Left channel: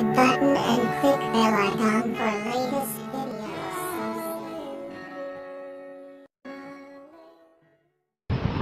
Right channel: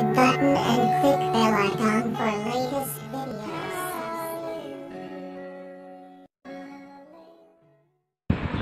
subscribe button and click bell icon for latest videos.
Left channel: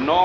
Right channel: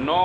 9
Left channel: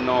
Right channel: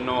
9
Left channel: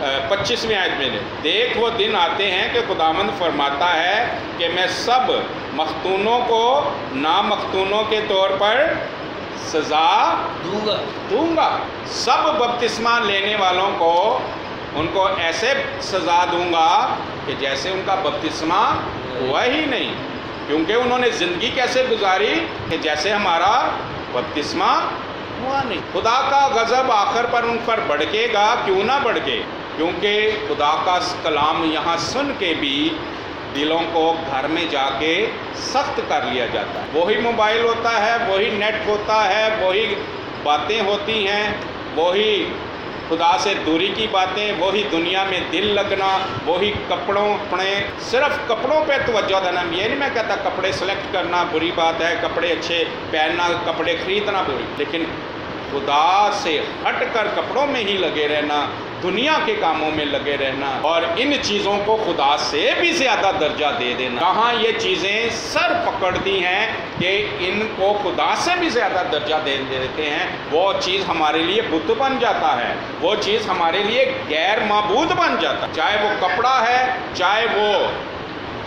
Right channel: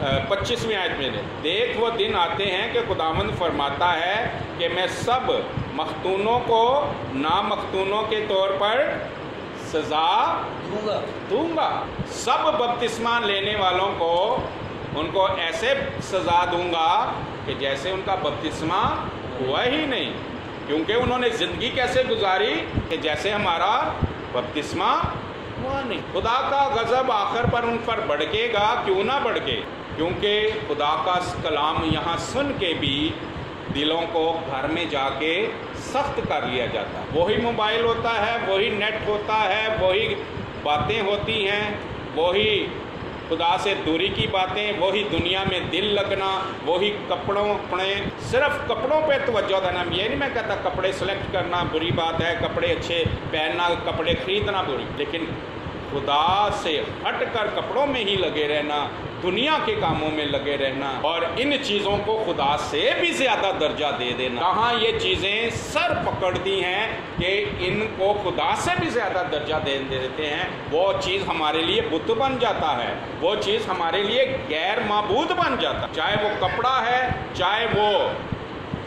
25ویں آیت میں دیکھ وہ دن آتے ہیں کہ خداوند فرماتا ہے کہ میں سب مختونوں کو نامختونوں کے طور پر سزا دوں گا. سب بپتسمہ لینے والوں کو ان کو ایسے سزا دوں گا کہ جیسے ان کا بپتسمہ ہوا ہی نہیں، کیونکہ انہوں نے زندگی کیسے گزاری کہ جیسے ہمارا بپتسمہ ہوا نہیں. خدا کا غضب آخر پر ان پر بھڑکے گا. کیوں نہ بھڑکے؟ کیونکہ خدا کا کلام یہاں سن کے بھی دلوں کو گھر میں جا کے سخت کر لیا جاتا ہے. وہی موبائل ہوتا ہے، وہی نیٹ ہوتا ہے، وہی باتیں ہوتی ہیں، وہی خدا سے دوری کی باتیں، وہی دنیا میں دل لگنا، وہی کپڑوں اپنے صرف کپڑوں پہ توجہ دینا. یہ نہیں میں کہتا کپڑے سلیکٹ کرنا بری بات ہے، کپڑے اچھے پہننا، کپڑے خریدنا بری، لیکن خدا سے ہٹ کر کپڑوں میں ہی لگے رہنا، دنیا کے کاموں میں لگے رہنا اور ان چیزوں کو خدا سے بھی زیادہ درجہ دے دینا. کہاں یہ چیزیں سر پکڑتی ہیں کہ ان کو خدا سے بھی زیادہ درجہ دے دیتے ہیں. وہ چیز ہمارے لیے بت بن جاتا ہے، وہ چیز ہمارے لیے غیر معبود بن جاتا ہے. چاہے وہ کپڑا ہے، چاہے وہ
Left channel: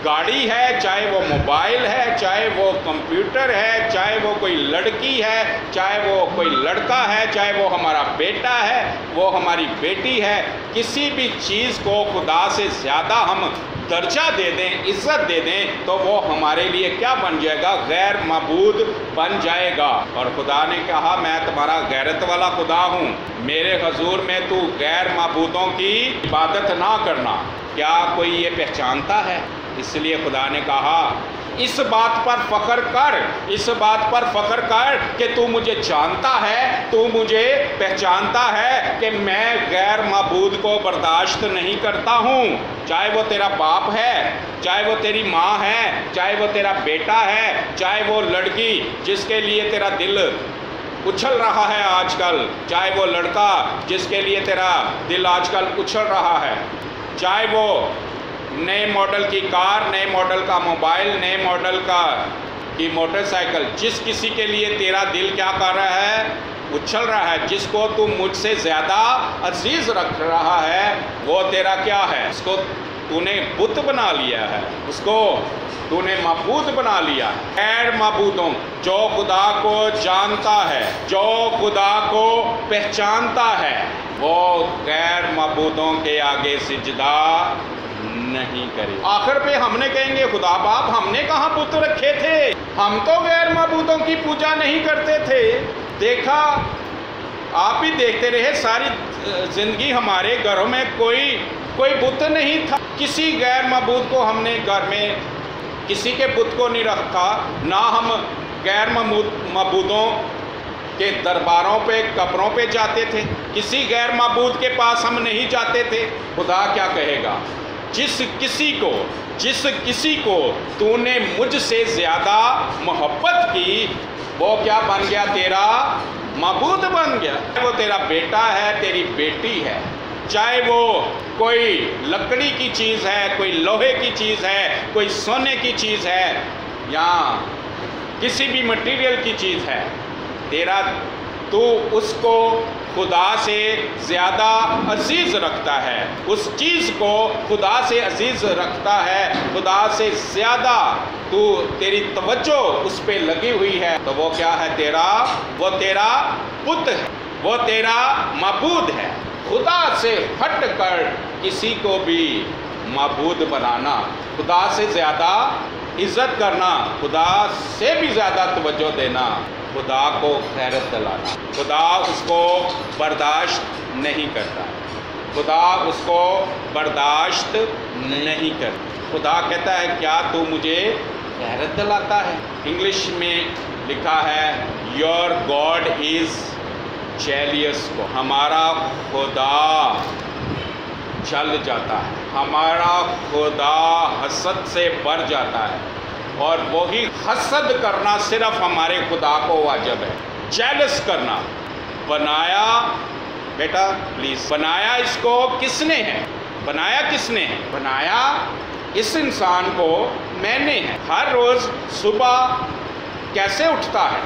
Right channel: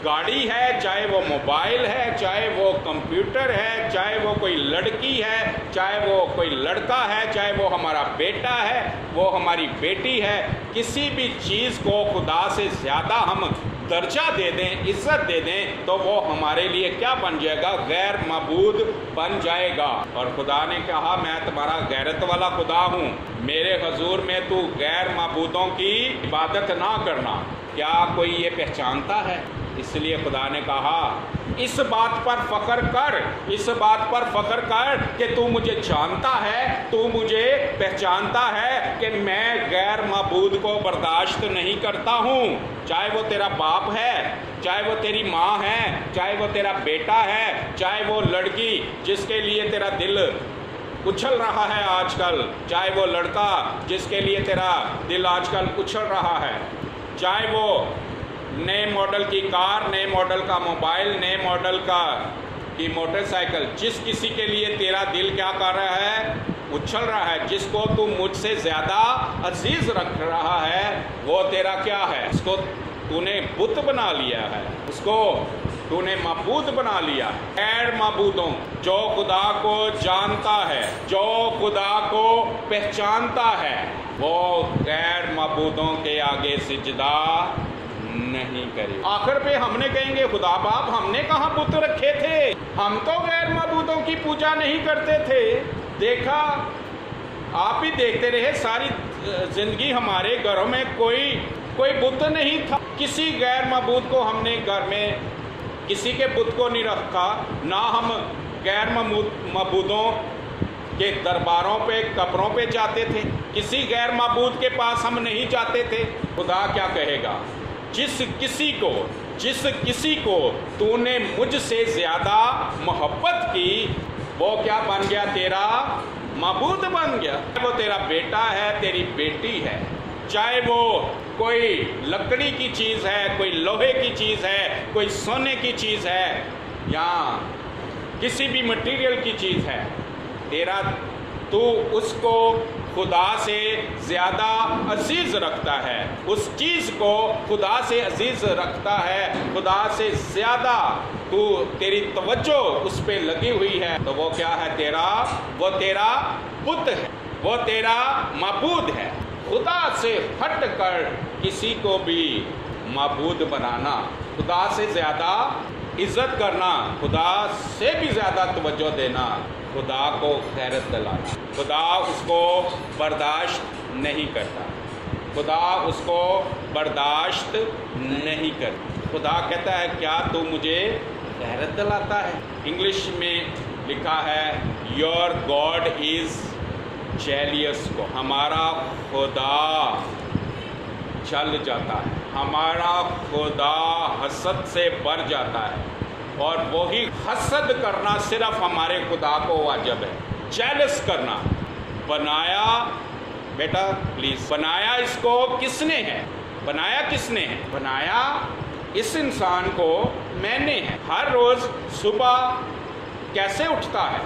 گاڑی ہے، چاہے وہ موبائل ہے، چاہے وہ کمپیوٹر ہے، چاہے وہ کوئی لڑکی ہے، چاہے وہ کوئی لڑکا ہے، چاہے وہ ہمارا بیٹا ہے، وہ ہماری بیٹی ہے. کسی بھی چیز کو خدا سے زیادہ ہم درجہ دے دیں، عزت دے دیں، تو وہ ہمارے لیے کیا بن جائے گا؟ غیر معبود بن جائے گا. اور خدا نے کہا میں تمہارا غیرت والا خدا ہوں، میرے حضور میں تو غیر معبودوں کی عبادت نہ کرنا. کیا کوئی یہ پہچانتا ہے؟ اس لیے خدا نے کہا اس بات پر فخر کر، اس بات پر فخر کر کہ تو مجھے جانتا ہے، تو مجھے پہچانتا ہے کہ میں غیر معبود کو برداشت نہیں کرتا ہوں. چاہے وہ تیرا باپ ہے، چاہے وہ تیری ماں ہے، چاہے وہ تیرا بیٹا ہے، چاہے وہ لڑکی جس کے لیے تیرا دل اچھل رہا ہے آج کل، چاہے وہ لڑکا جس کے لیے تیرا دل آج کل اچھل رہا ہے، چاہے وہ نئے ماڈل کی کار، نئے ماڈل کا موبائل، نئے ماڈل کی موٹر سائیکل، جس کسی کے لیے تیرا دل کیا کر رہا ہے؟ اچھل رہا ہے، جس کو تو مجھ سے زیادہ عزیز رکھ رہا ہے، وہ تیرا کیا ہے؟ اس کو تو نے بت بنا لیا ہے، اس کو تو نے معبود بنا لیا. غیر معبودوں جو خدا کو جانتا ہے، جو خدا کو پہچانتا ہے، وہ غیر معبودوں کے آگے سجدہ نہیں کرے. آخر پہ ہم نے کہیں گے خدا باپ ہم نے کہاں بت رکھے تھے، ہم تو غیر معبودوں کی پوجا نہیں کرتے تھے. دیکھا آپ بھی دیکھتے رہے ساری زندگی ہمارے گھروں میں کوئی بت نہیں تھا. کسی غیر معبود کو ہم نے گھر میں کسی کے بت کو نہیں رکھا، نہ ہم غیر معبودوں کے درباروں پہ قبروں پہ جاتے تھے، کسی غیر معبود کے پاس ہم نہیں جاتے تھے. خدا کیا کہے گا؟ جس کسی کو تو نے مجھ سے زیادہ محبت کی وہ کیا بن گیا؟ تیرا معبود بن گیا. وہ تیرا بیٹا ہے، تیری بیٹی ہے، چاہے وہ کوئی لکڑی کی چیز ہے، کوئی لوہے کی چیز ہے، کوئی سونے کی چیز ہے، یا کسی بھی مٹیریل کی چیز ہے، تو اس کو خدا سے زیادہ عزیز رکھتا ہے، اس چیز کو خدا سے عزیز رکھتا ہے، خدا سے زیادہ تیری توجہ اس پہ لگی ہوئی ہے، تو وہ کیا ہے؟ وہ تیرا بت ہے، وہ تیرا معبود ہے. خدا سے ہٹ کر کسی کو بھی معبود بنانا، خدا سے زیادہ عزت کرنا، خدا سے بھی زیادہ توجہ دینا، خدا کو غیرت دلانا. خدا اس کو برداشت نہیں کرتا، خدا اس کو برداشت نہیں کرتا. خدا کہتا ہے کیا تو مجھے غیرت دلاتا ہے؟ انگلش میں لکھا ہے یور گاڈ از جیلیس. کو ہمارا خدا جل جاتا ہے، ہمارا خدا حسد سے بھر جاتا ہے، اور وہی حسد کرنا صرف ہمارے خدا کو واجب ہے. جیلس کرنا. بنایا بیٹا پلیز، بنایا اس کو کس نے ہے؟ بنایا کس نے ہے؟ بنایا اس انسان کو میں نے ہے. ہر روز صبح کیسے اٹھتا ہے؟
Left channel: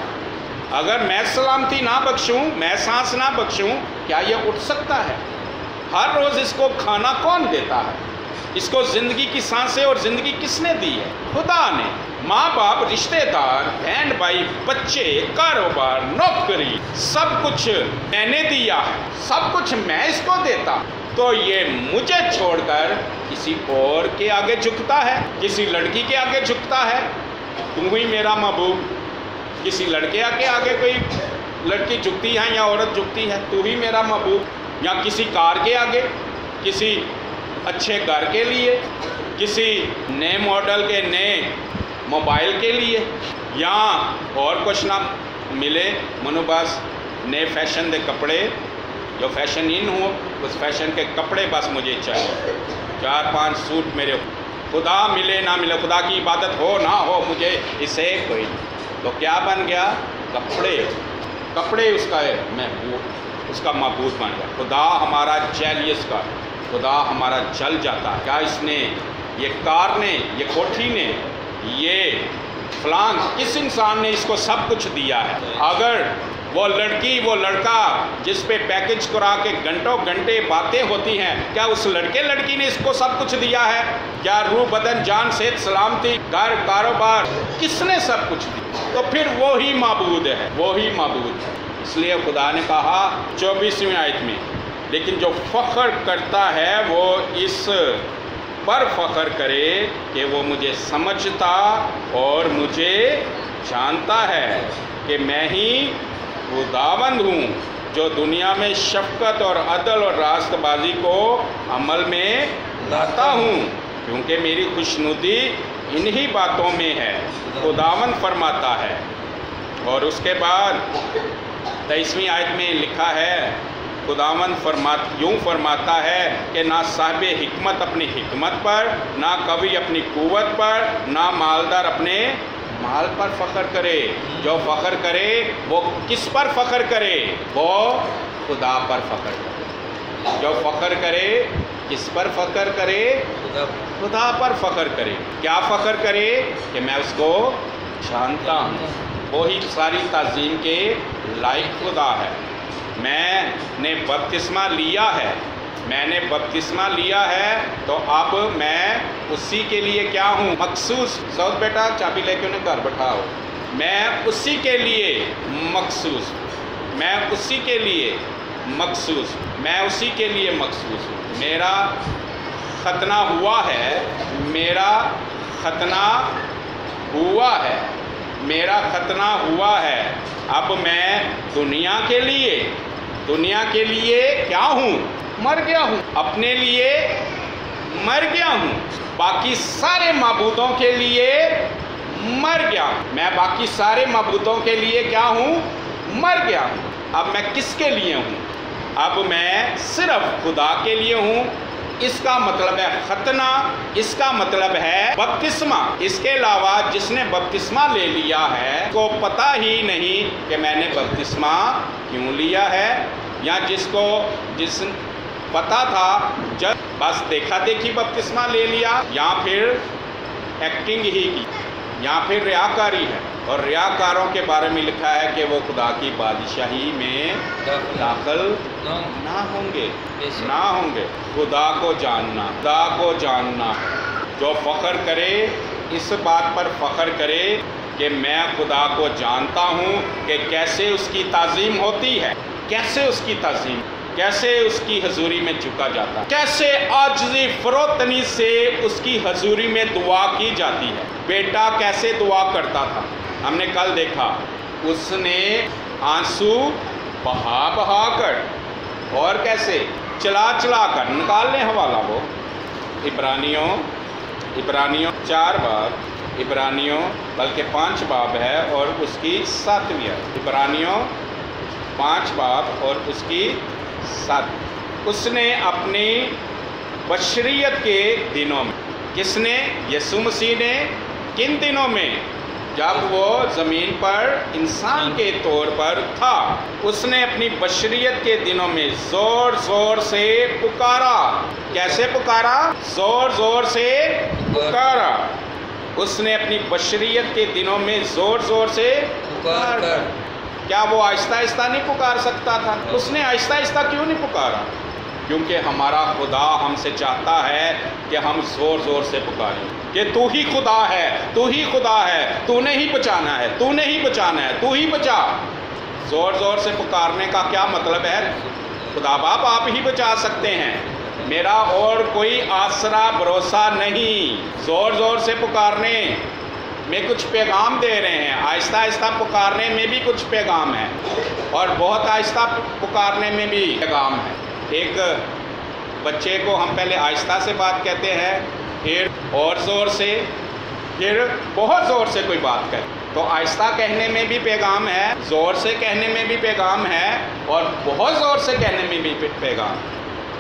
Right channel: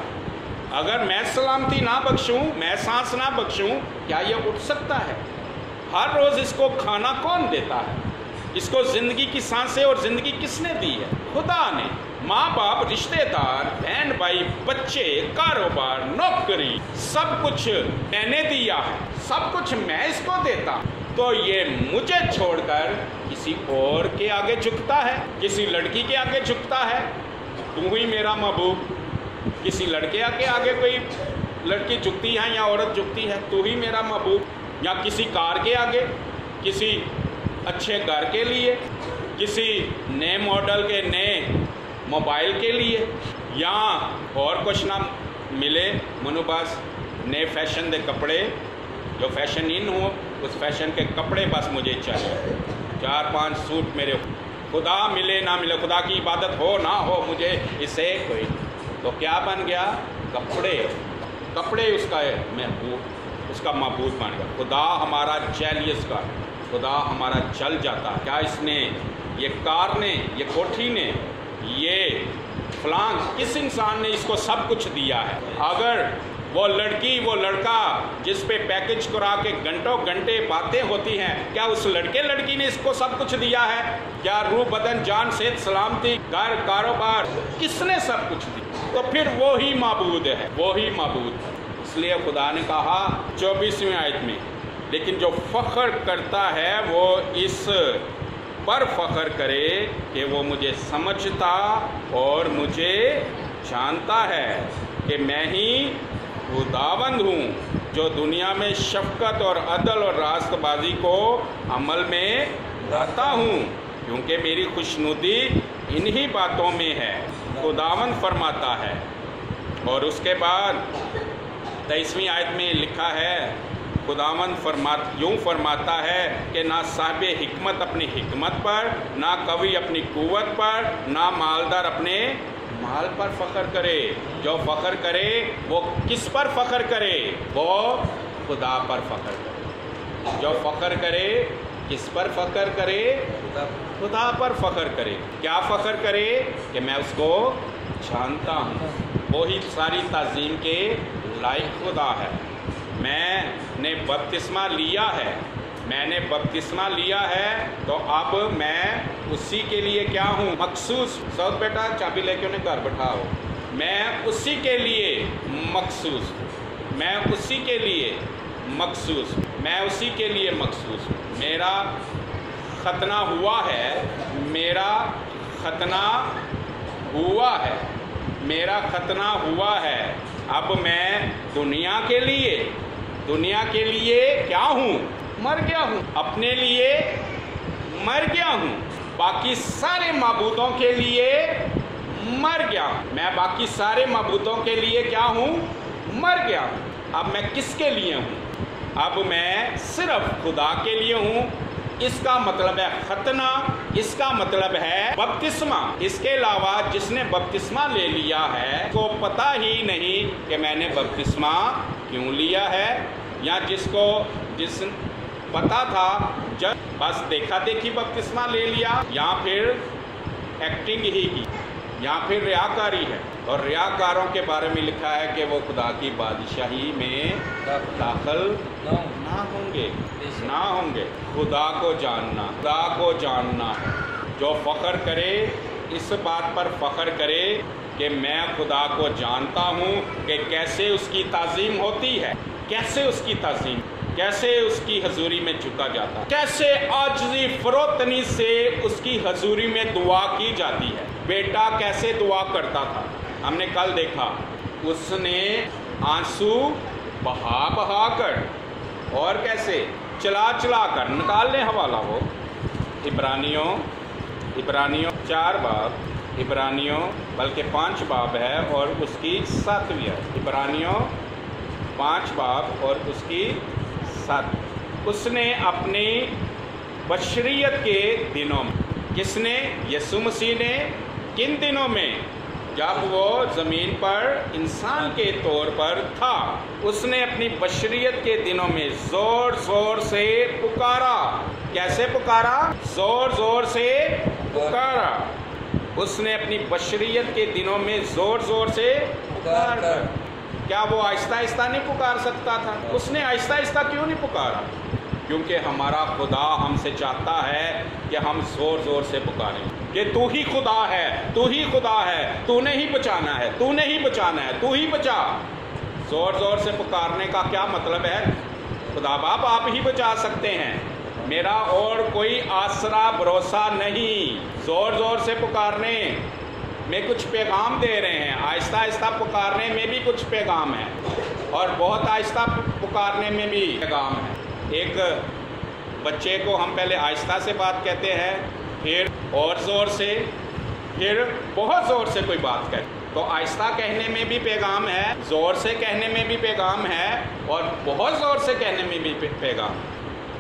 اگر میں سلامتی نہ بخشوں، میں سانس نہ بخشوں، کیا یہ اٹھ سکتا ہے؟ ہر روز اس کو کھانا کون دیتا ہے؟ اس کو زندگی کی سانسیں اور زندگی کس نے دی ہے؟ خدا نے۔ ماں باپ، رشتہ دار، بہن بھائی، بچے، کاروبار، نوکری، سب کچھ میں نے دیا، سب کچھ میں اس کو دیتا، تو یہ مجھے چھوڑ کر کسی اور کے آگے جھکتا ہے، کسی لڑکی کے آگے جھکتا ہے۔ تو ہی میرا محبوب۔ کسی لڑکے کے آگے کوئی لڑکی جھکتی ہے یا عورت جھکتی ہے، تو ہی میرا محبوب۔ یا کسی کار کے آگے، کسی اچھے گھر کے لیے، کسی نئے ماڈل کے نئے موبائل کے لیے، یا اور کچھ نہ ملے منو بس نئے فیشن دے کپڑے، جو فیشن ان ہو اس فیشن کے کپڑے بس مجھے چاہیے، 4-5 سوٹ میرے، خدا ملے نہ ملے، خدا کی عبادت ہو نہ ہو، مجھے اسے کوئی، تو کیا بن گیا؟ کپڑے اس کا محبوب، اس کا معبود بن گیا۔ خدا ہمارا جیلیس کا، خدا ہمارا جل جاتا ہے۔ کیا اس نے، یہ کار نے، یہ کوٹھی نے، یہ فلان کس انسان نے اس کو سب کچھ دیا ہے؟ اگر وہ لڑکی، وہ لڑکا جس پہ پیکج کرا کے گھنٹوں گھنٹے باتیں ہوتی ہیں، کیا اس لڑکی نے اس کو سب کچھ دیا ہے؟ کیا روح بدن جان صحت سلامتی گھر کاروبار کس نے سب کچھ دیا؟ تو پھر وہی معبود ہے، وہی معبود ہے۔ اس لیے خدا نے کہا 24ویں آیت میں، لیکن جو فخر کرتا ہے وہ اس پر فخر کرے کہ وہ مجھے سمجھتا اور مجھے جانتا ہے کہ میں ہی خداوند ہوں جو دنیا میں شفقت اور عدل اور راست بازی کو عمل میں لاتا ہوں، کیونکہ میری خوشنودی انہی باتوں میں ہے، خداوند فرماتا ہے۔ اور اس کے بعد 23ویں آیت میں لکھا ہے، خداوند یوں فرماتا ہے کہ نہ صاحب حکمت اپنی حکمت پر، نہ قوی اپنی قوت پر، نہ مالدار اپنے مال پر فخر کرے۔ جو فخر کرے وہ کس پر فخر کرے؟ وہ خدا پر فخر کرے۔ جو فخر کرے کس پر فخر کرے؟ خدا پر فخر کرے۔ کیا فخر کرے؟ کہ میں اس کو جانتا ہوں، وہی ساری تعظیم کے لائق خدا ہے۔ میں نے بپتسمہ لیا ہے، میں نے بپتسمہ لیا ہے، تو اب میں اسی کے لیے کیا ہوں؟ مخصوص۔ سعود بیٹا چابی لے کے انہیں گھر بٹھاؤ۔ میں اسی کے لیے مخصوص ہوں، میں اسی کے لیے مخصوص ہوں، میں اسی کے لیے مخصوص ہوں۔ میرا ختنہ ہوا ہے، میرا ختنہ ہوا ہے، میرا ختنہ ہوا ہے۔ اب میں دنیا کے لیے کیا ہوں؟ مر گیا ہوں، اپنے لیے مر گیا ہوں، باقی سارے معبودوں کے لیے مر گیا ہوں۔ میں باقی سارے معبودوں کے لیے کیا ہوں؟ مر گیا ہوں۔ اب میں کس کے لیے ہوں؟ اب میں صرف خدا کے لیے ہوں۔ اس کا مطلب ہے ختنہ، اس کا مطلب ہے بپتسمہ۔ اس کے علاوہ جس نے بپتسمہ لے لیا ہے کو پتہ ہی نہیں کہ میں نے بپتسمہ کیوں لیا ہے، یا جس پتہ تھا جب بس دیکھا دیکھی بپتسمہ لے لیا، یا پھر ایکٹنگ ہی کی، یا پھر ریاکاری ہے۔ اور ریاکاروں کے بارے میں لکھا ہے کہ وہ خدا کی بادشاہی میں داخل نہ ہوں گے، نہ ہوں گے۔ خدا کو جاننا ہے۔ جو فخر کرے اس بات پر فخر کرے کہ میں خدا کو جانتا ہوں کہ کیسے اس کی تعظیم ہوتی ہے، کیسے اس کی تعظیم، کیسے اس کی حضوری میں جھکا جاتا ہے، کیسے عاجزی فروتنی سے اس کی حضوری میں دعا کی جاتی ہے۔ بیٹا کیسے دعا کرتا تھا، ہم نے کل دیکھا، اس نے آنسو بہا کر اور کیسے چلا کر نکالنے حوالہ وہ عبرانیوں 4 باب، عبرانیوں بلکہ 5 باب ہے اور اس کی 7ویں ہے۔ عبرانیوں 5 باب اور اس کی 7۔ اس نے اپنی بشریت کے دنوں میں، کس نے؟ یسوع مسیح نے۔ کن دنوں میں؟ جب وہ زمین پر انسان کے طور پر تھا، اس نے اپنی بشریت کے دنوں میں زور سے پکارا۔ کیسے پکارا؟ زور سے پکارا۔ اس نے اپنی بشریت کے دنوں میں زور سے پکارا۔ کیا وہ آہستہ نہیں پکار سکتا تھا؟ اس نے آہستہ کیوں نہیں پکارا؟ کیونکہ ہمارا خدا ہم سے چاہتا ہے کہ ہم زور زور سے پکاریں کہ تو ہی خدا ہے، تو ہی خدا ہے، تو نے ہی بچانا ہے، تو نے ہی بچانا ہے، تو ہی بچا۔ زور زور سے پکارنے کا کیا مطلب ہے؟ خدا باپ آپ ہی بچا سکتے ہیں، میرا اور کوئی آسرا بھروسہ نہیں۔ زور زور سے پکارنے میں کچھ پیغام دے رہے ہیں، آہستہ آہستہ پکارنے میں بھی کچھ پیغام ہے، اور بہت آہستہ پکارنے میں بھی پیغام ہے۔ ایک بچے کو ہم پہلے آہستہ سے بات کہتے ہیں، پھر اور زور سے، پھر بہت زور سے کوئی بات کہے، تو آہستہ کہنے میں بھی پیغام ہے، زور سے کہنے میں بھی پیغام ہے، اور بہت زور سے کہنے میں بھی پیغام ہے۔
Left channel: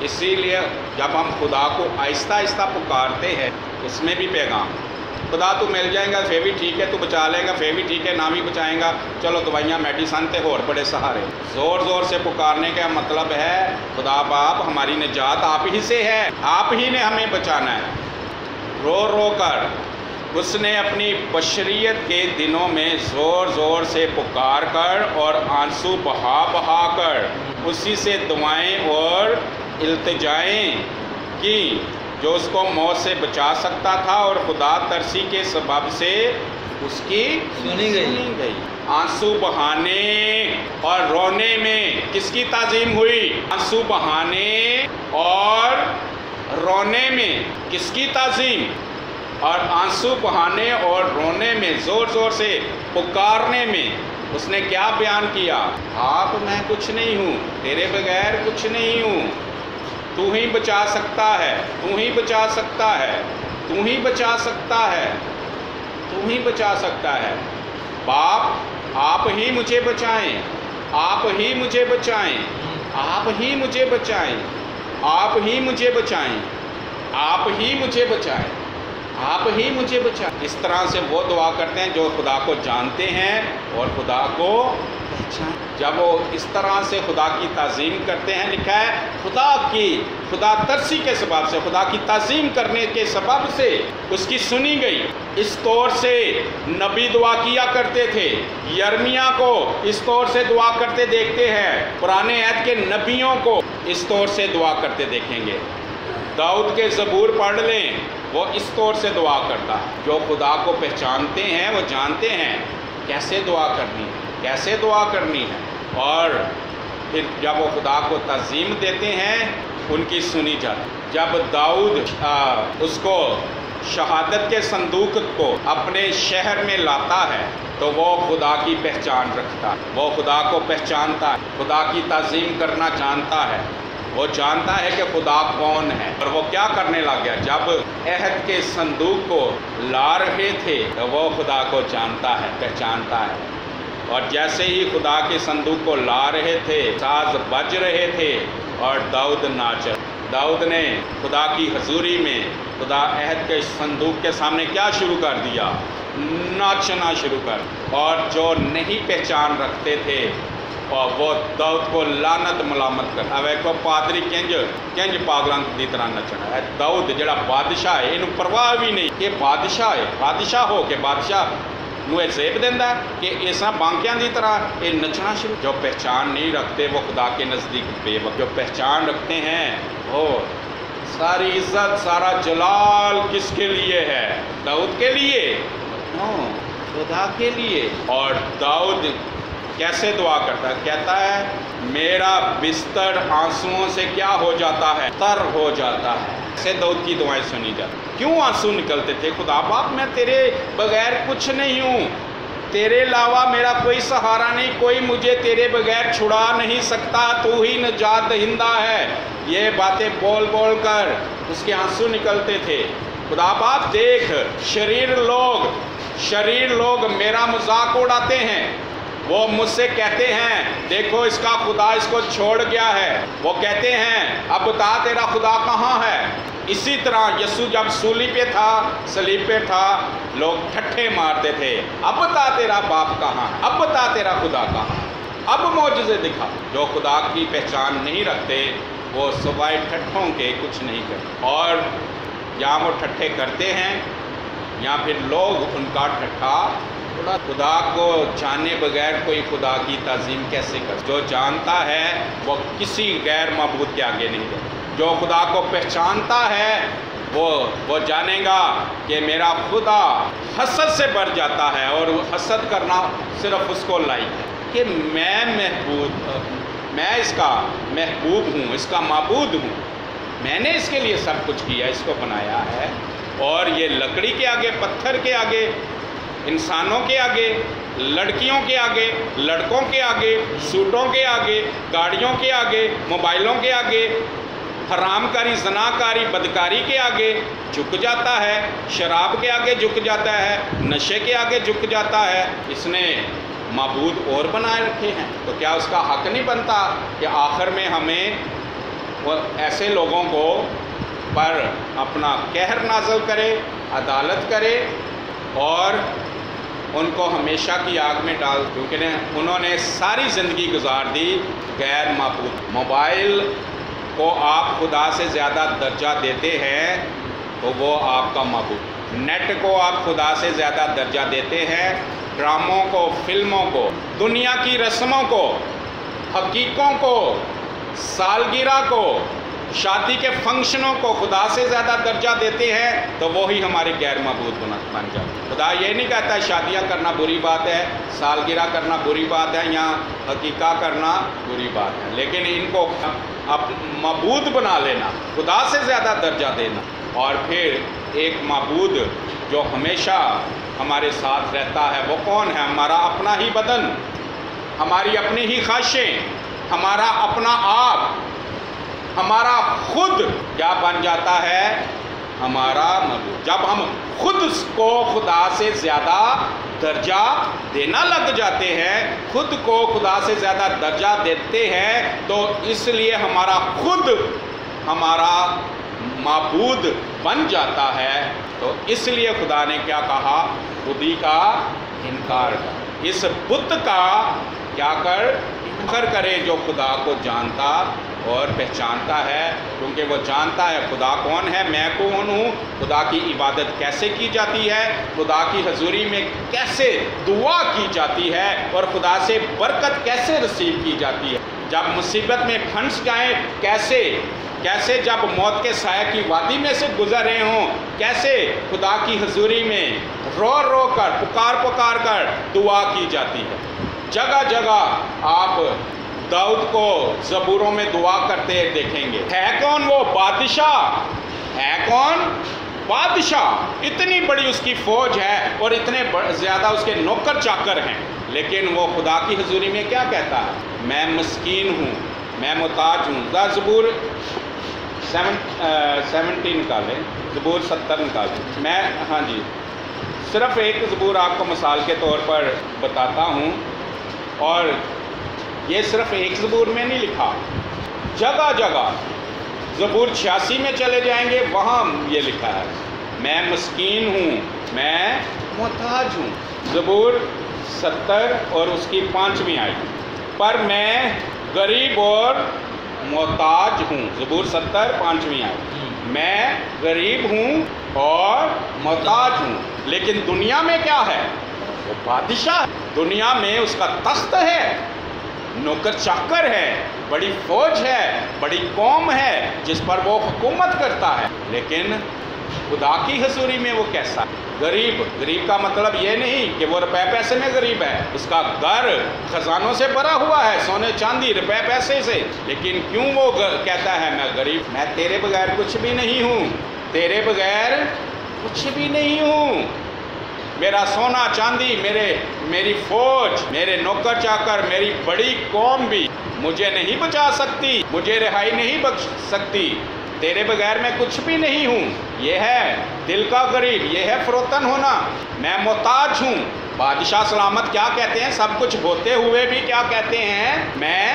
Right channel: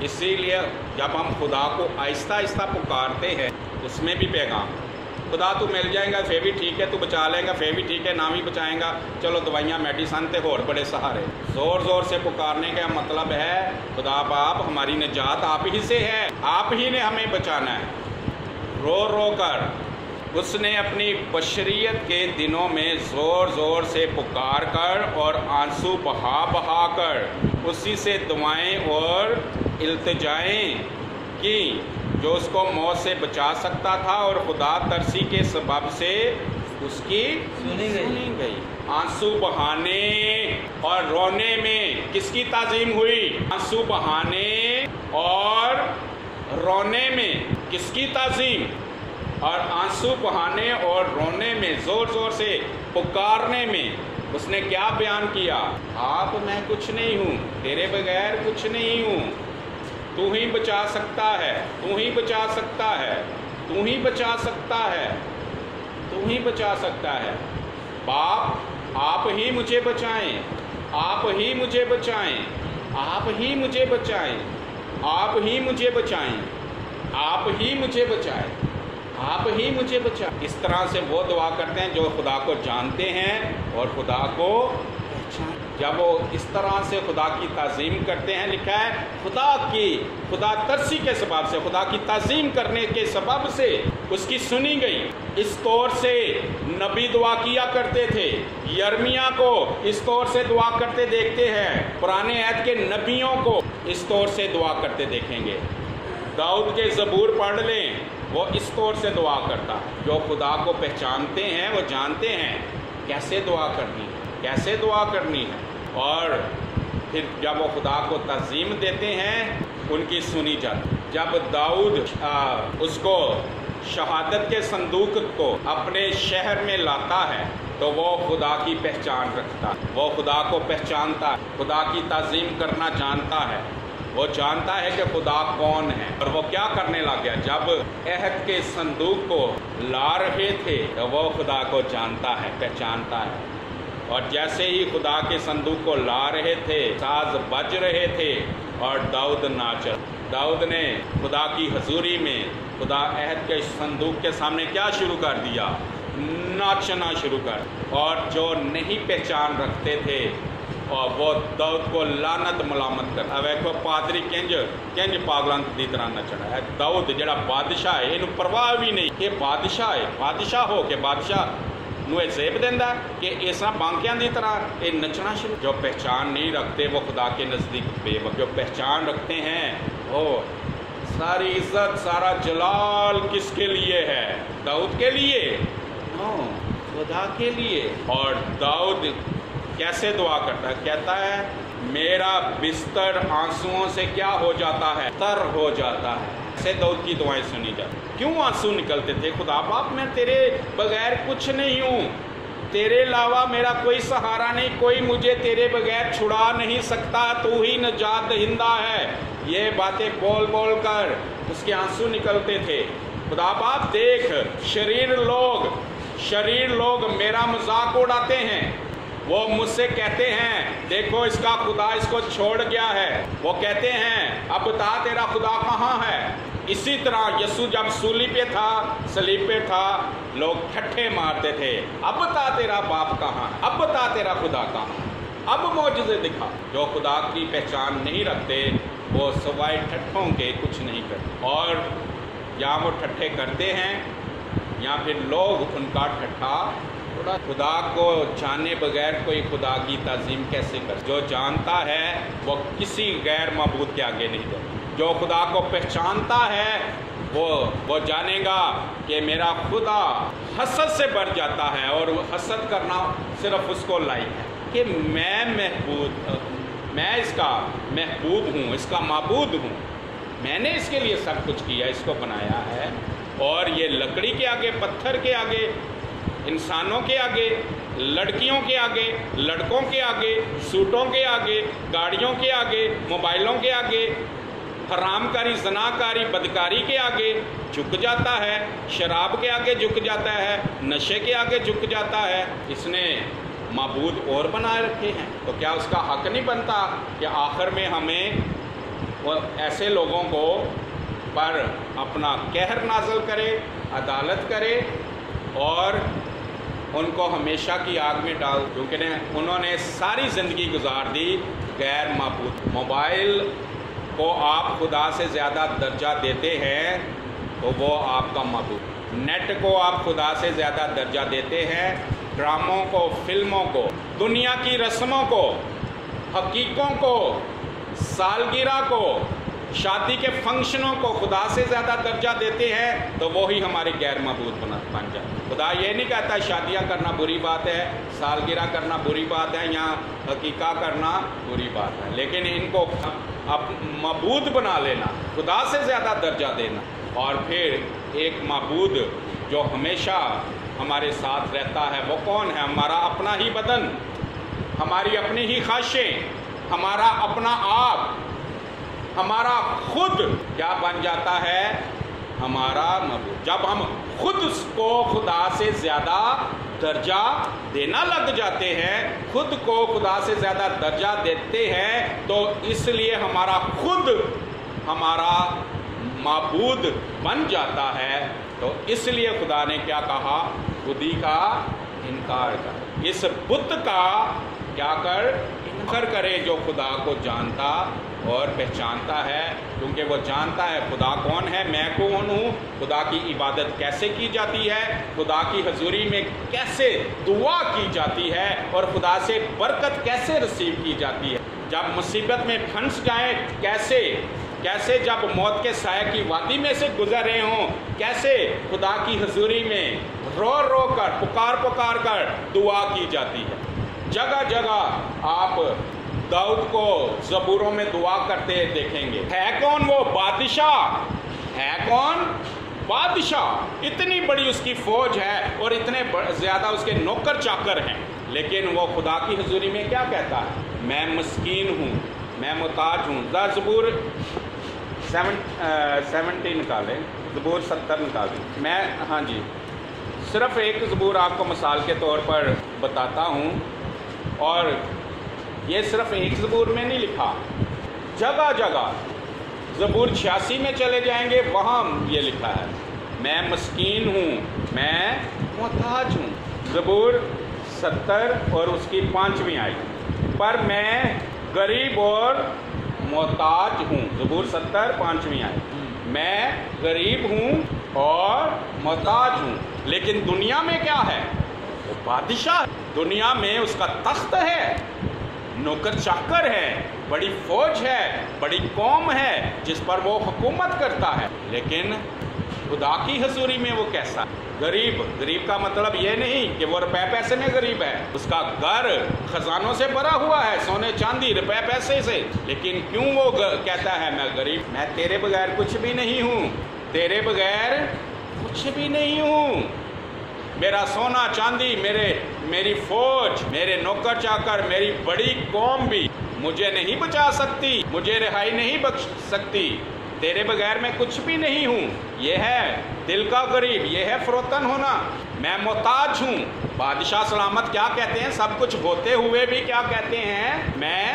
اسی لیے جب ہم خدا کو آہستہ آہستہ پکارتے ہیں، اس میں بھی پیغام ہے۔ خدا تو مل جائے گا پھر بھی ٹھیک ہے، تو بچا لے گا پھر بھی ٹھیک ہے، نہ بھی بچائیں گا چلو دوائیاں میڈیسن تے اور بڑے سہارے۔ زور زور سے پکارنے کا مطلب ہے خدا باپ ہماری نجات آپ ہی سے ہے، آپ ہی نے ہمیں بچانا ہے۔ رو رو کر اس نے اپنی بشریت کے دنوں میں زور زور سے پکار کر اور آنسو بہا بہا کر اسی سے دعائیں اور التجائیں کی جو اس کو موت سے بچا سکتا تھا، اور خدا ترسی کے سبب سے اس کی سنی گئی۔ آنسو بہانے اور رونے میں کس کی تعظیم ہوئی؟ آنسو بہانے اور رونے میں کس کی تعظیم؟ اور آنسو بہانے اور رونے میں، زور زور سے پکارنے میں اس نے کیا بیان کیا؟ آپ میں کچھ نہیں ہوں، تیرے بغیر کچھ نہیں ہوں، تو ہی بچا سکتا ہے، تو ہی بچا سکتا ہے، تو ہی بچا سکتا ہے، تو ہی بچا سکتا ہے۔ باپ آپ ہی مجھے بچائیں، آپ ہی مجھے بچائیں، آپ ہی مجھے بچائیں، آپ ہی مجھے بچائیں، آپ ہی مجھے بچائیں، آپ ہی مجھے بچائیں۔ اس طرح سے وہ دعا کرتے ہیں جو خدا کو جانتے ہیں اور خدا کو پہچان۔ جب وہ اس طرح سے خدا کی تعظیم کرتے ہیں، لکھا ہے خدا ترسی کے سبب سے، خدا کی تعظیم کرنے کے سبب سے اس کی سنی گئی۔ اس طور سے نبی دعا کیا کرتے تھے، یرمیہ کو اس طور سے دعا کرتے دیکھتے ہیں، پرانے عہد کے نبیوں کو اس طور سے دعا کرتے دیکھیں گے۔ داؤد کے زبور پڑھ لیں، وہ اس طور سے دعا کرتا۔ جو خدا کو پہچانتے ہیں وہ جانتے ہیں کیسے دعا کرنی ہے، کیسے دعا کرنی ہے، اور پھر جب وہ خدا کو تعظیم دیتے ہیں ان کی سنی جاتی۔ جب داؤد اس کو شہادت کے صندوق کو اپنے شہر میں لاتا ہے تو وہ خدا کی پہچان رکھتا ہے، وہ خدا کو پہچانتا ہے، خدا کی تعظیم کرنا جانتا ہے، وہ جانتا ہے کہ خدا کون ہے۔ اور وہ کیا کرنے لگ گیا؟ جب عہد کے صندوق کو لا رہے تھے تو وہ خدا کو جانتا ہے، پہچانتا ہے، اور جیسے ہی خدا کے صندوق کو لا رہے تھے، ساز بج رہے تھے اور داؤد ناچ۔ داؤد نے خدا کی حضوری میں خدا عہد کے صندوق کے سامنے کیا شروع کر دیا؟ ناچنا شروع کر۔ اور جو نہیں پہچان رکھتے تھے اور وہ داؤد کو لعنت ملامت کر۔ اب ایک پادری کنج پاگلان دی طرح نچنا ہے۔ داؤد جڑا بادشاہ ہے، یہ پرواہ بھی نہیں کہ بادشاہ ہے، بادشاہ ہو کے بادشاہ نو یہ زیب دینا ہے کہ اس طرح بانکیاں دی طرح یہ نچنا شروع۔ جو پہچان نہیں رکھتے وہ خدا کے نزدیک بے وقت، جو پہچان رکھتے ہیں وہ ساری عزت سارا جلال کس کے لیے ہے؟ داؤد کے لیے؟ خدا کے لیے۔ اور داؤد کیسے دعا کرتا ہے؟ کہتا ہے میرا بستر آنسوؤں سے کیا ہو جاتا ہے؟ تر ہو جاتا ہے۔ ایسے داؤد کی دعائیں سنی جاتی۔ کیوں آنسو نکلتے تھے؟ خدا باپ میں تیرے بغیر کچھ نہیں ہوں، تیرے علاوہ میرا کوئی سہارا نہیں، کوئی مجھے تیرے بغیر چھڑا نہیں سکتا، تو ہی نجات دہندہ ہے۔ یہ باتیں بول بول کر اس کے آنسو نکلتے تھے۔ خدا باپ دیکھ، شریر لوگ میرا مذاق اڑاتے ہیں، وہ مجھ سے کہتے ہیں دیکھو اس کا خدا اس کو چھوڑ گیا ہے، وہ کہتے ہیں اب بتا تیرا خدا کہاں ہے۔ اسی طرح یسوع جب صلیب پہ تھا لوگ ٹھٹھے مارتے تھے، اب بتا تیرا باپ کہاں، اب بتا تیرا خدا کہاں، اب معجزے دکھا۔ جو خدا کی پہچان نہیں رکھتے وہ سوائے ٹھٹھوں کے کچھ نہیں کرتے، اور یا وہ ٹھٹھے کرتے ہیں یا پھر لوگ ان کا ٹھٹھا خدا کو جانے بغیر کوئی خدا کی تعظیم کیسے کر؟ جو جانتا ہے وہ کسی غیر معبود کے آگے نہیں جاتا۔ جو خدا کو پہچانتا ہے وہ جانے گا کہ میرا خدا حسد سے بھر جاتا ہے، اور حسد کرنا صرف اس کو لائق ہے کہ میں اس کا محبوب ہوں، اس کا معبود ہوں، میں نے اس کے لیے سب کچھ کیا، اس کو بنایا ہے۔ اور یہ لکڑی کے آگے، پتھر کے آگے، انسانوں کے آگے، لڑکیوں کے آگے، لڑکوں کے آگے، سوٹوں کے آگے، گاڑیوں کے آگے، موبائلوں کے آگے، حرام کاری، زنا کاری، بدکاری کے آگے جھک جاتا ہے، شراب کے آگے جھک جاتا ہے، نشے کے آگے جھک جاتا ہے۔ اس نے معبود اور بنائے رکھے ہیں، تو کیا اس کا حق نہیں بنتا کہ آخر میں ہمیں ایسے لوگوں کو پر اپنا قہر نازل کرے، عدالت کرے اور ان کو ہمیشہ کی آگ میں ڈال، کیونکہ انہوں نے ساری زندگی گزار دی غیر معبود۔ موبائل کو آپ خدا سے زیادہ درجہ دیتے ہیں تو وہ آپ کا معبود۔ نیٹ کو آپ خدا سے زیادہ درجہ دیتے ہیں، ڈراموں کو، فلموں کو، دنیا کی رسموں کو، حقیقوں کو، سالگرہ کو، شادی کے فنکشنوں کو خدا سے زیادہ درجہ دیتے ہیں تو وہی ہمارے غیر معبود بن جائے۔ خدا یہ نہیں کہتا شادیاں کرنا بری بات ہے، سالگرہ کرنا بری بات ہے، یا حقیقہ کرنا بری بات ہے، لیکن ان کو معبود بنا لینا، خدا سے زیادہ درجہ دینا۔ اور پھر ایک معبود جو ہمیشہ ہمارے ساتھ رہتا ہے وہ کون ہے؟ ہمارا اپنا ہی بدن، ہماری اپنی ہی خواہشیں، ہمارا اپنا آپ، ہمارا خود کیا بن جاتا ہے؟ ہمارا معبود۔ جب ہم خود اس کو خدا سے زیادہ درجہ دینا لگ جاتے ہیں، خود کو خدا سے زیادہ درجہ دیتے ہیں، تو اس لیے ہمارا خود ہمارا معبود بن جاتا ہے۔ تو اس لیے خدا نے کیا کہا؟ خودی کا انکار کر، اس بت کا کیا انکار کرے جو خدا کو جانتا اور پہچانتا ہے، کیونکہ وہ جانتا ہے خدا کون ہے، میں کون ہوں، خدا کی عبادت کیسے کی جاتی ہے، خدا کی حضوری میں کیسے دعا کی جاتی ہے، اور خدا سے برکت کیسے رسیو کی جاتی ہے۔ جب مصیبت میں پھنس جائیں کیسے جب موت کے سائے کی وادی میں سے گزر رہے ہوں، کیسے خدا کی حضوری میں رو کر پکار کر دعا کی جاتی ہے۔ جگہ جگہ آپ داؤد کو زبوروں میں دعا کرتے دیکھیں گے۔ ہے کون وہ بادشاہ؟ ہے کون بادشاہ؟ اتنی بڑی اس کی فوج ہے اور اتنے زیادہ اس کے نوکر چاکر ہیں، لیکن وہ خدا کی حضوری میں کیا کہتا ہے؟ میں مسکین ہوں، میں محتاج ہوں۔ زبور 70 نکالیں، زبور 70 نکالیں۔ صرف ایک زبور آپ کو مثال کے طور پر بتاتا ہوں، اور یہ صرف ایک زبور میں نہیں لکھا، جگہ جگہ زبور 86 میں چلے جائیں گے، وہاں یہ لکھا ہے میں مسکین ہوں، میں محتاج ہوں۔ زبور 70 اور اس کی 5ویں آیت، پر میں غریب اور محتاج ہوں۔ زبور 70 5ویں آیت، میں غریب ہوں اور محتاج ہوں۔ لیکن دنیا میں کیا ہے؟ وہ بادشاہ ہے، دنیا میں اس کا تخت ہے، نوکر چاکر ہے، بڑی فوج ہے، بڑی قوم ہے جس پر وہ حکومت کرتا ہے۔ لیکن خدا کی حضوری میں وہ کیسا؟ غریب کا مطلب یہ نہیں کہ وہ روپے پیسے میں غریب ہے، اس کا گھر خزانوں سے بھرا ہوا ہے، سونے چاندی روپے پیسے سے، لیکن کیوں وہ کہتا ہے میں غریب؟ میں تیرے بغیر کچھ بھی نہیں ہوں، تیرے بغیر کچھ بھی نہیں ہوں۔ میرا سونا چاندی، میری فوج، میرے نوکر چاکر، میری بڑی قوم بھی مجھے نہیں بچا سکتی، مجھے رہائی نہیں بخش سکتی، تیرے بغیر میں کچھ بھی نہیں ہوں۔ یہ ہے دل کا غریب، یہ ہے فروتن ہونا۔ میں محتاج ہوں۔ بادشاہ سلامت کیا کہتے ہیں؟ سب کچھ ہوتے ہوئے بھی کیا کہتے ہیں؟ میں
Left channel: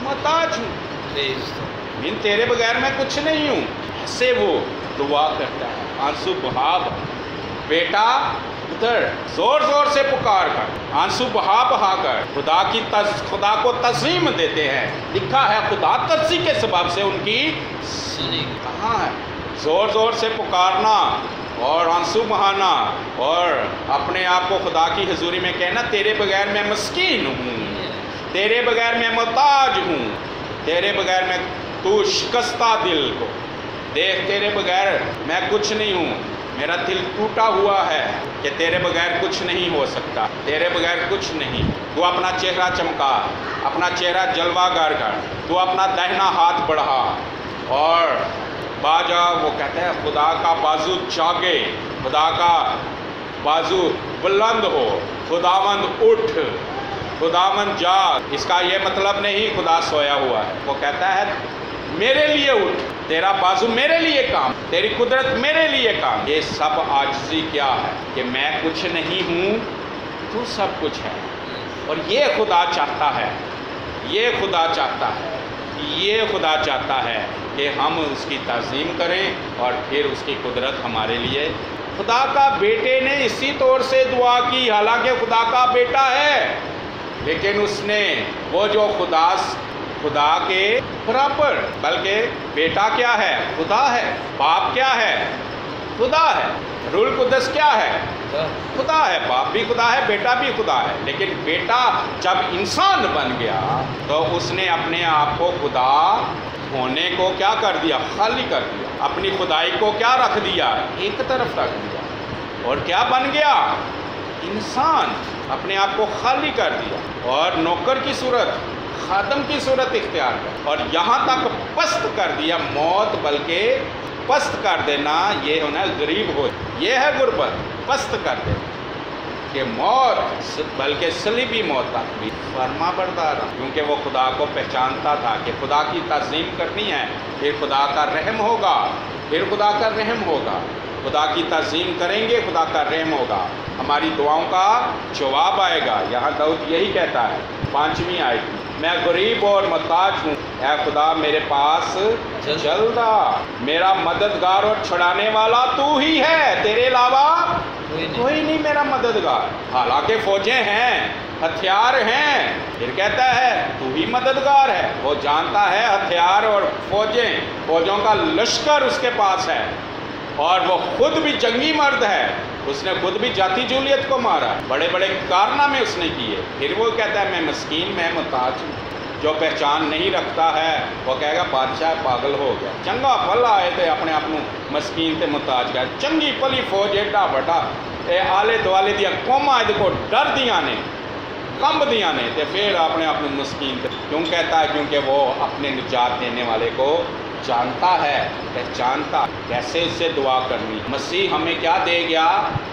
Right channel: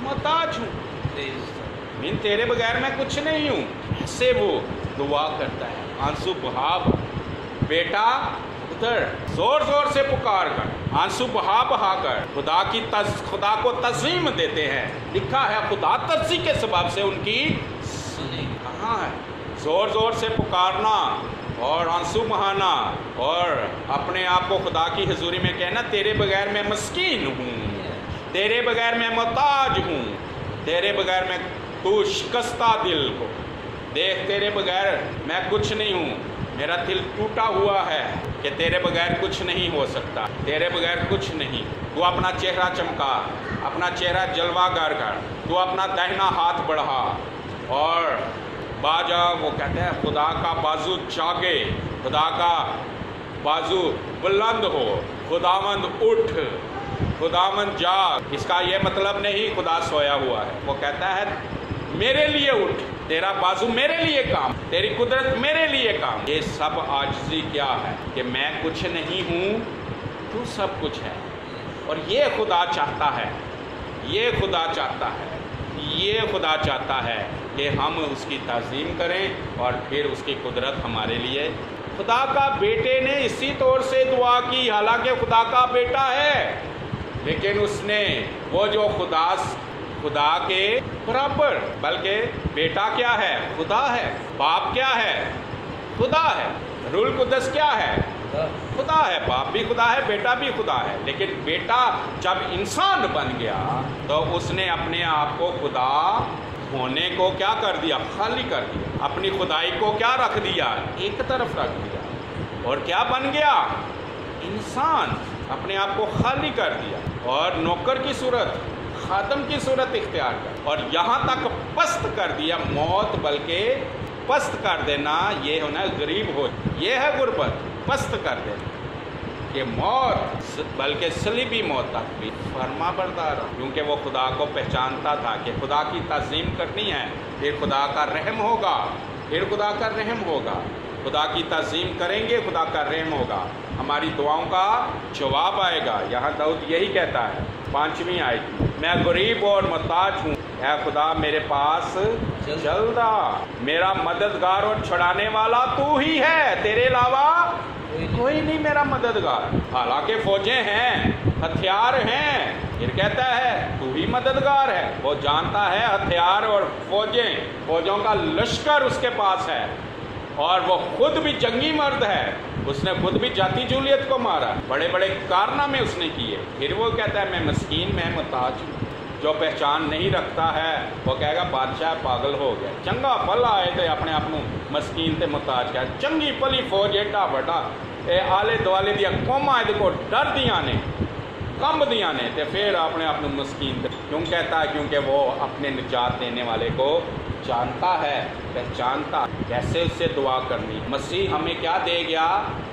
محتاج ہوں، تیرے بغیر میں کچھ نہیں ہوں۔ ایسے وہ دعا کرتا ہے، آنسو بہا بیٹا ادھر، زور زور سے پکار کر، آنسو بہا کر خدا کو تعظیم دیتے ہیں۔ لکھا ہے خدا ترسی کے سبب سے ان کی سنی۔ کہاں ہے؟ زور زور سے پکارنا اور آنسو بہانا اور اپنے اپنے آپ کو خدا کی حضوری میں کہنا تیرے بغیر میں مسکین ہوں، تیرے بغیر میں محتاج ہوں، تیرے بغیر میں تو شکستہ دل کو دیکھ، تیرے بغیر میں کچھ نہیں ہوں، میرا دل ٹوٹا ہوا ہے کہ تیرے بغیر کچھ نہیں ہو سکتا، تیرے بغیر کچھ نہیں۔ تو اپنا چہرہ چمکا، اپنا چہرہ جلوہ گر کر، تو اپنا دہنا ہاتھ بڑھا اور باجا، وہ کہتے ہیں خدا کا بازو جاگے، خدا کا بازو بلند ہو، خداوند اٹھ، خداوند جاگ۔ اس کا یہ مطلب نہیں خدا سویا ہوا ہے، وہ کہتا ہے میرے لیے اٹھ، تیرا بازو میرے لیے کام، تیری قدرت میرے لیے کام۔ یہ سب عاجزی کیا ہے کہ میں کچھ نہیں ہوں، تو سب کچھ ہے۔ اور یہ خدا چاہتا ہے، یہ خدا چاہتا ہے، یہ خدا چاہتا ہے کہ ہم اس کی تعظیم کریں اور پھر اس کی قدرت ہمارے لیے۔ خدا کا بیٹے نے اسی طور سے دعا کی، حالانکہ خدا کا بیٹا ہے، لیکن اس نے وہ جو خدا کے برابر، بلکہ بیٹا کیا ہے؟ خدا ہے۔ باپ کیا ہے؟ خدا ہے۔ روح القدس کیا ہے؟ خدا ہے۔ باپ بھی خدا ہے، بیٹا بھی خدا ہے، لیکن بیٹا جب انسان بن گیا تو اس نے اپنے آپ کو خدا ہونے کو کیا کر دیا؟ خالی کر دیا۔ اپنی خدائی کو کیا رکھ دیا؟ ایک طرف رکھ دیا، اور کیا بن گیا؟ انسان۔ اپنے آپ کو خالی کر دیا اور نوکر کی صورت، خادم کی صورت اختیار کر، اور یہاں تک پست کر دیا، موت بلکہ پست کر دینا، یہ ہونا غریب ہو، یہ ہے غربت، پست کر دینا کہ موت بلکہ صلیبی موت تک بھی فرما بردار رہا، کیونکہ وہ خدا کو پہچانتا تھا کہ خدا کی تعظیم کرنی ہے، پھر خدا کا رحم ہوگا، پھر خدا کا رحم ہوگا، خدا کی تعظیم کریں گے، خدا کا رحم ہوگا، ہماری دعاؤں کا جواب آئے گا۔ یہاں داؤد یہی کہتا ہے 5ویں آیت میں، میں غریب اور محتاج ہوں، اے خدا میرے پاس جلد آ، میرا مددگار اور چھڑانے والا تو ہی ہے، تیرے علاوہ کوئی نہیں میرا مددگار۔ حالانکہ فوجیں ہیں، ہتھیار ہیں، پھر کہتا ہے تو ہی مددگار ہے۔ وہ جانتا ہے ہتھیار اور فوجوں کا لشکر اس کے پاس ہے، اور وہ خود بھی جنگی مرد ہے، اس نے خود بھی جاتی جولیت کو مارا، بڑے بڑے کارنامے اس نے کیے، پھر وہ کہتا ہے میں مسکین، میں محتاج ہوں۔ جو پہچان نہیں رکھتا ہے وہ کہے گا بادشاہ پاگل ہو گیا، چنگا پلا آئے تھے اپنے آپ کو مسکین تے محتاج کیا، چنگی پلی فوج ایڈا بڑا اے آلے دوالے دیا قوماں دے کو ڈر دیاں نے، کمب دیاں نے، تے پھر اپنے آپ کو مسکین تے کیوں کہتا ہے؟ کیونکہ وہ اپنے نجات دینے والے کو جانتا ہے، پہچانتا، کیسے اس سے دعا کرنی۔ مسیح ہمیں کیا دے گیا؟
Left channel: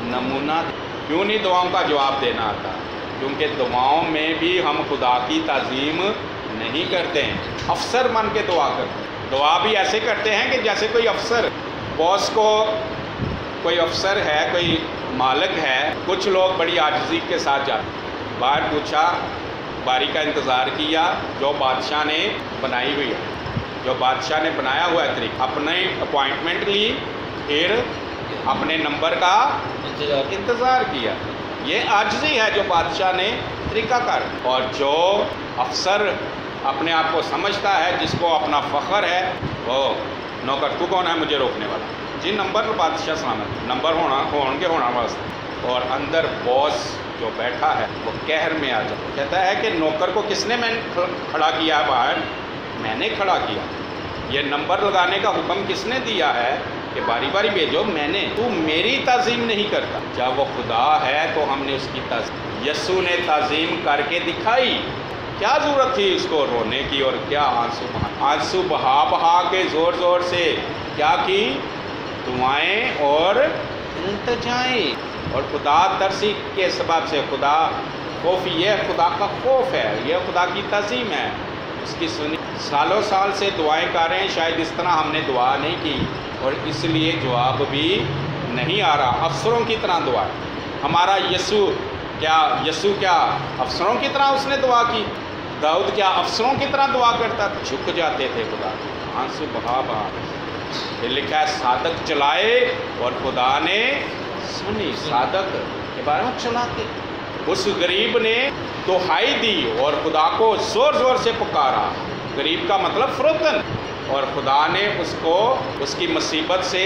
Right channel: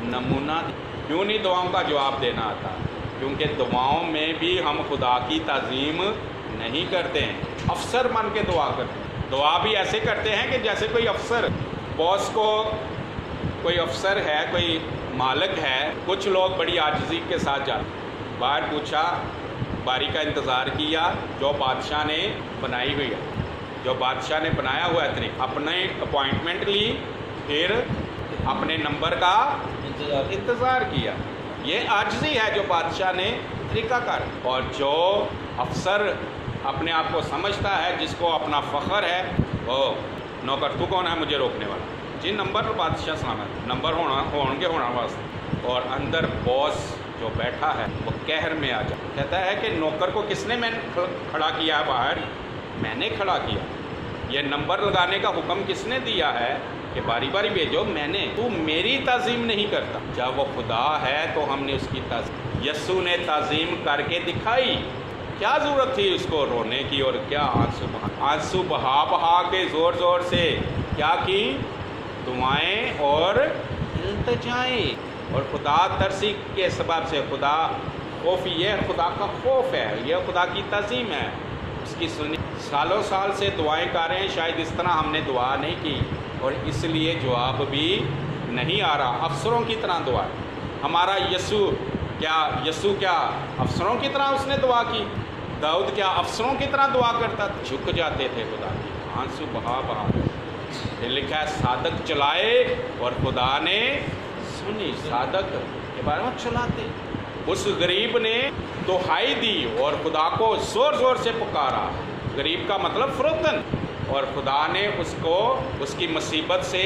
نمونہ۔ کیوں نہیں دعاؤں کا جواب دینا آتا؟ کیونکہ دعاؤں میں بھی ہم خدا کی تعظیم نہیں کرتے ہیں، افسر بن کے دعا کرتے ہیں۔ دعا بھی ایسے کرتے ہیں کہ جیسے کوئی افسر، باس کو کوئی افسر ہے، کوئی مالک ہے، کچھ لوگ بڑی عاجزی کے ساتھ جاتے، باہر پوچھا، باری کا انتظار کیا جو بادشاہ نے بنائی ہوئی ہے، جو بادشاہ نے بنایا ہوا ہے طریقہ، اپنی اپوائنٹمنٹ لی، پھر اپنے نمبر کا انتظار کیا۔ یہ عاجزی ہے جو بادشاہ نے طریقہ کار۔ اور جو افسر اپنے آپ کو سمجھتا ہے، جس کو اپنا فخر ہے، وہ نوکر تو کون ہے مجھے روکنے والا؟ جی نمبر بادشاہ سامنے نمبر ہونا واسطے، اور اندر باس جو بیٹھا ہے وہ قہر میں آ جاتا، کہتا ہے کہ نوکر کو کس نے میں کھڑا کیا ہے باہر؟ میں نے کھڑا کیا۔ یہ نمبر لگانے کا حکم کس نے دیا ہے کہ باری باری بھیجو؟ میں نے۔ تو میری تعظیم نہیں کرتا، جب وہ خدا ہے تو ہم نے اس کی تعظیم، یسوع نے تعظیم کر کے دکھائی۔ کیا ضرورت تھی اس کو رونے کی اور کیا آنسو بہا کے زور زور سے کیا کی؟ دعائیں اور التجائیں، اور خدا ترسی کے سبب سے خدا خوف، یہ خدا کا خوف ہے، یہ خدا کی تعظیم ہے، اس کی سنی۔ سالوں سال سے دعائیں کر رہے ہیں، شاید اس طرح ہم نے دعا نہیں کی اور اس لیے جواب بھی نہیں آ رہا۔ افسروں کی طرح دعا، ہمارا یسوع کیا افسروں کی طرح اس نے دعا کی؟ داؤد کیا افسروں کی طرح دعا کرتا؟ جھک جاتے تھے خدا، آنسو بہا پھر لکھا ہے صادق چلائے اور خدا نے سنی۔ صادق کے بارے میں چلاتے، اس غریب نے دہائی دی اور خدا کو زور زور سے پکارا، غریب کا مطلب فروتن، اور خدا نے اس کو اس کی مصیبت سے